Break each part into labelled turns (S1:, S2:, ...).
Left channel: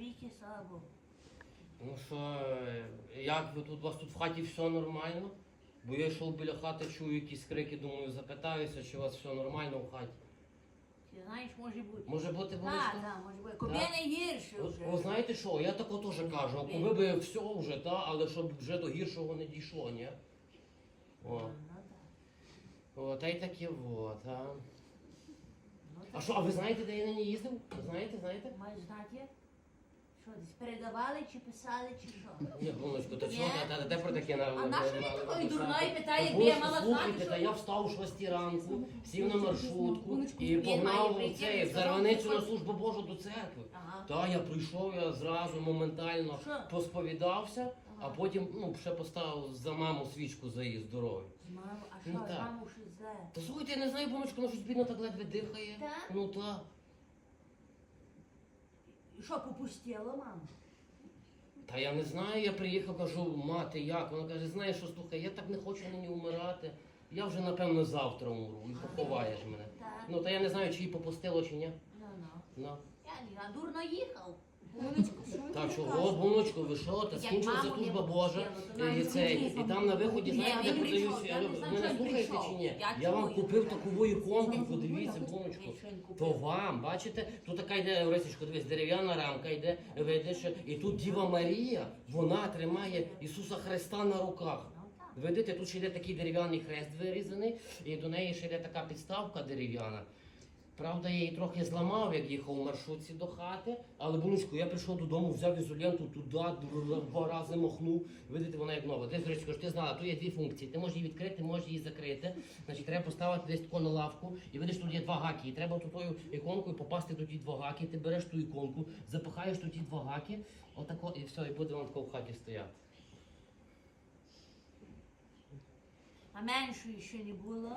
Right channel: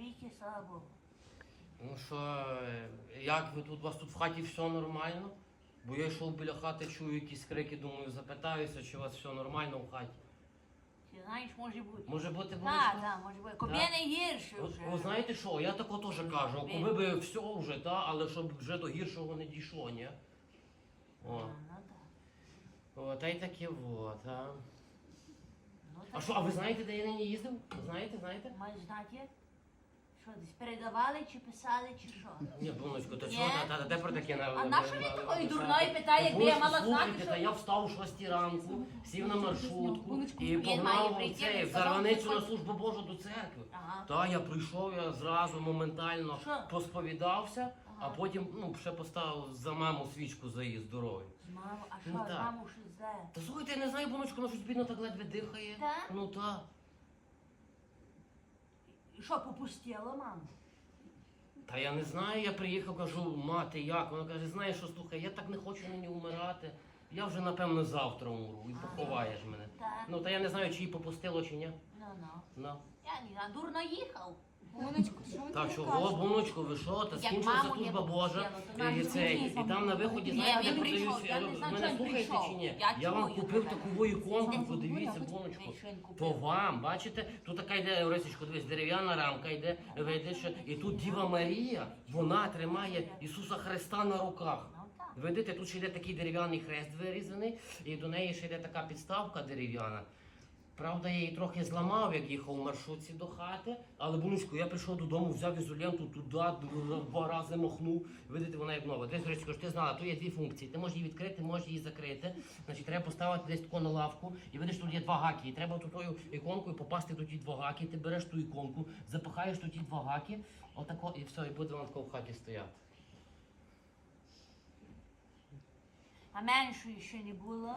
S1: навіки, слава Богу.
S2: Ну що, як ви тут, у вас тут в хаті все нормально? Бо я йшов біля хати, чую якісь крики, думаю, запитаюся, чи у вас все нормально в хаті.
S1: Ти знаєш, може бути.
S2: Може бути,
S1: Так,
S2: Володька?
S1: так, може бути. Кобі не гірше вже.
S2: Ви знаєте що, я тако теж кажу, коли би все вже, але щоб вже до гіршого не дійшло, ні? О.
S1: Ну так.
S2: О, та й таке вот, а.
S1: Ну,
S2: А що, а ви знаєте, де я нині їздив? Ви знаєте?
S1: Маєш знати? Що, десь передавали, чи писали, чи що?
S2: Ні, Боночко, та
S1: Ні?
S2: чого, та де про таке на...
S1: А на що він такої дурної питає,
S2: Та,
S1: якби я
S2: Боночко,
S1: мала знати,
S2: слухайте, та
S1: що...
S2: я встав о 6 ранку, сів на маршрутку і
S1: він має
S2: погнав
S1: прийти,
S2: цей,
S1: він
S2: в
S1: сказав,
S2: Зарваницю
S1: що
S2: на
S1: хоче.
S2: службу Божу до церкви.
S1: Ага.
S2: Та, я прийшов, я зразу моментально
S1: Що?
S2: посповідався, а
S1: Ага.
S2: потім, ще поставив за маму свічку за її здоров'я.
S1: З мамою, а що,
S2: Ну,
S1: з
S2: так.
S1: мамою щось зле?
S2: Та слухайте, я не знаю, Боночко, вона щось бідно так ледве дихає.
S1: Так?
S2: Ну так.
S1: І що, попустіло, маму?
S2: Та я не знаю, я приїхав, кажу, мати, як? Вона каже, знаєш що, слухай, я так не хочу нині умирати. Я вже, напевно, завтра умру і поховаєш мене.
S1: Так.
S2: Ну, та я не знаю, чи її попустило, чи ні.
S1: Ну.
S2: Ну.
S1: Я не, дурно їхав.
S3: Боночко, що ви
S2: Та
S3: таке
S2: чого,
S3: кажете?
S2: Боночко, ви що? Та
S1: Як
S2: скінчилася
S1: маму
S2: служба
S1: не
S2: Божа.
S1: попустило, то нам
S2: І, це,
S3: звідси
S2: і там на виході,
S3: Ні,
S2: знаєте,
S1: він
S2: де
S1: прийшов,
S2: продають,
S1: я не знаю,
S2: ви
S1: що
S2: не
S1: він
S2: слухаєте
S1: прийшов.
S2: чи ні?
S1: Я
S2: Я вам
S1: чую
S2: купив
S1: тебе.
S2: таку іконку,
S3: Ні,
S2: подивіться,
S3: ні,
S2: Боночко.
S1: ні, що він купив?
S2: То вам, бачите, тут така йде, Орисечко, дивись, дерев'яна рамка йде, видиш, і тут Діва Марія, вона тримає Ісуса Христа на руках.
S1: Ну так.
S2: Видите, тут ще йде такий дерев'яний хрест вирізаний, і до неї ще йде така підставка дерев'яна. Правда, я її трохи зламав, як їхав у маршрутці до хати, але, Боночко, я прийшов додому, взяв ізоленту туди, два рази махнув. Видите, вона як нова. Десь, Орисечко, ти знала, тут є дві функції. Ти можеш її відкрити, можеш її закрити. Значить, треба поставити десь тако на лавку, і видиш, тут є два гаки. І треба тою іконкою попасти до ті два гаки. Ти береш ту іконку, запихаєш до ті два гаки, отако, і все, і буде вона тако в хаті стояти.
S1: А меншої ще не було.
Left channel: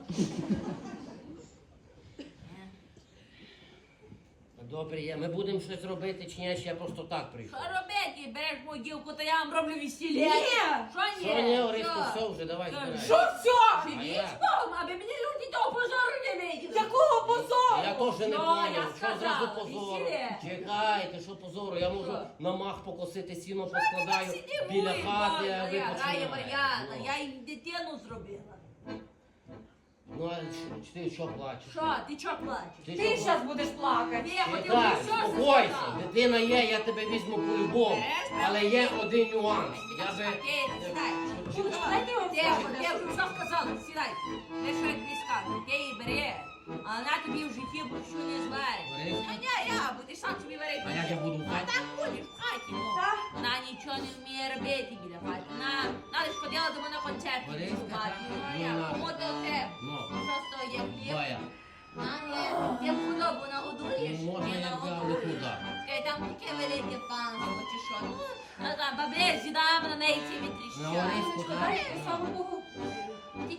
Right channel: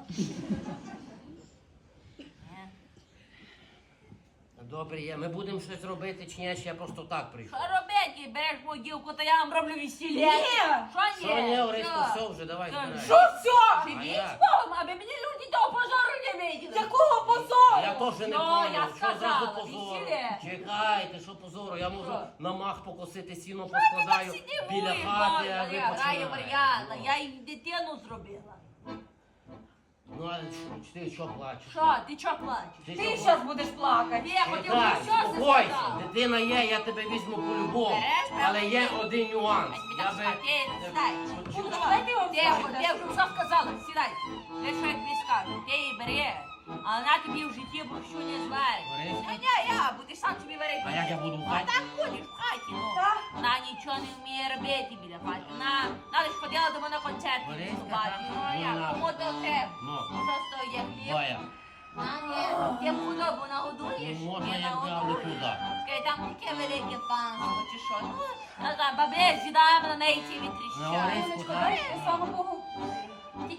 S2: Добре, є. Ми будемо щось робити чи ні, чи я просто так прийшов.
S1: Що робити? Береш могилку, та я вам роблю весілля.
S3: Ні!
S1: Що ні?
S2: Що ні, Ориско, все вже, давай
S1: Що?
S2: збирай.
S3: Що все?
S1: Сидіть
S2: як?
S1: з Богом, аби мені люди того позору не виділи.
S3: Якого позору?
S2: Я теж не
S1: Ну,
S2: поняв,
S1: я
S2: що
S1: сказала,
S2: зразу позору.
S1: весілля.
S2: Чекайте, що позору, я можу
S1: Що?
S2: на мах покосити сіно,
S1: Ти
S2: поскладаю
S1: так
S2: біля
S1: сидиш,
S2: хати, а ви
S1: Марія, грає
S2: починаєте.
S1: Мар'яна,
S2: Ну.
S1: я їй дитину зробила.
S2: Ну, а ти що плачеш?
S1: Що, ти чого плачеш?
S2: Ти
S3: Ти
S2: що
S3: зараз будеш плакати.
S1: Я хотів
S2: Чекай,
S1: би що
S2: спокойся,
S1: сказав.
S2: дитина є, я тебе візьму по-любому.
S1: Береш,
S2: Але є один нюанс.
S1: Ай,
S2: Я
S1: ти
S2: би...
S1: сідай.
S3: Ну, давайте ось
S1: Тихо,
S3: так.
S1: я вже все сказала, сідай. Ти що я тобі скажу, ти її бери, а вона тобі в житті борщу не зварить.
S2: Борис?
S1: Я, будеш сам собі варити.
S2: А як я буду в
S1: А
S2: хаті?
S1: так будеш в хаті, ну.
S3: Так.
S1: Вона нічого не вміє робити біля хаті. Вона лиш ходила до мене на концерт
S2: Борис,
S1: в хаті.
S2: так?
S1: Ну,
S2: Ну,
S1: як,
S2: на.
S1: кому то треба?
S2: Ну.
S1: Просто є хліб.
S2: Боя.
S1: А, ні, ти худобу нагодуєш?
S2: Ну, можна,
S1: Ні,
S2: як взяв,
S1: нагодуєш.
S2: не туди.
S1: Скажи, там таке велике панство, чи що? Ну, бабе, сідав на неї ці
S2: На
S1: вітріща.
S2: Ориску, так?
S3: Слава Богу.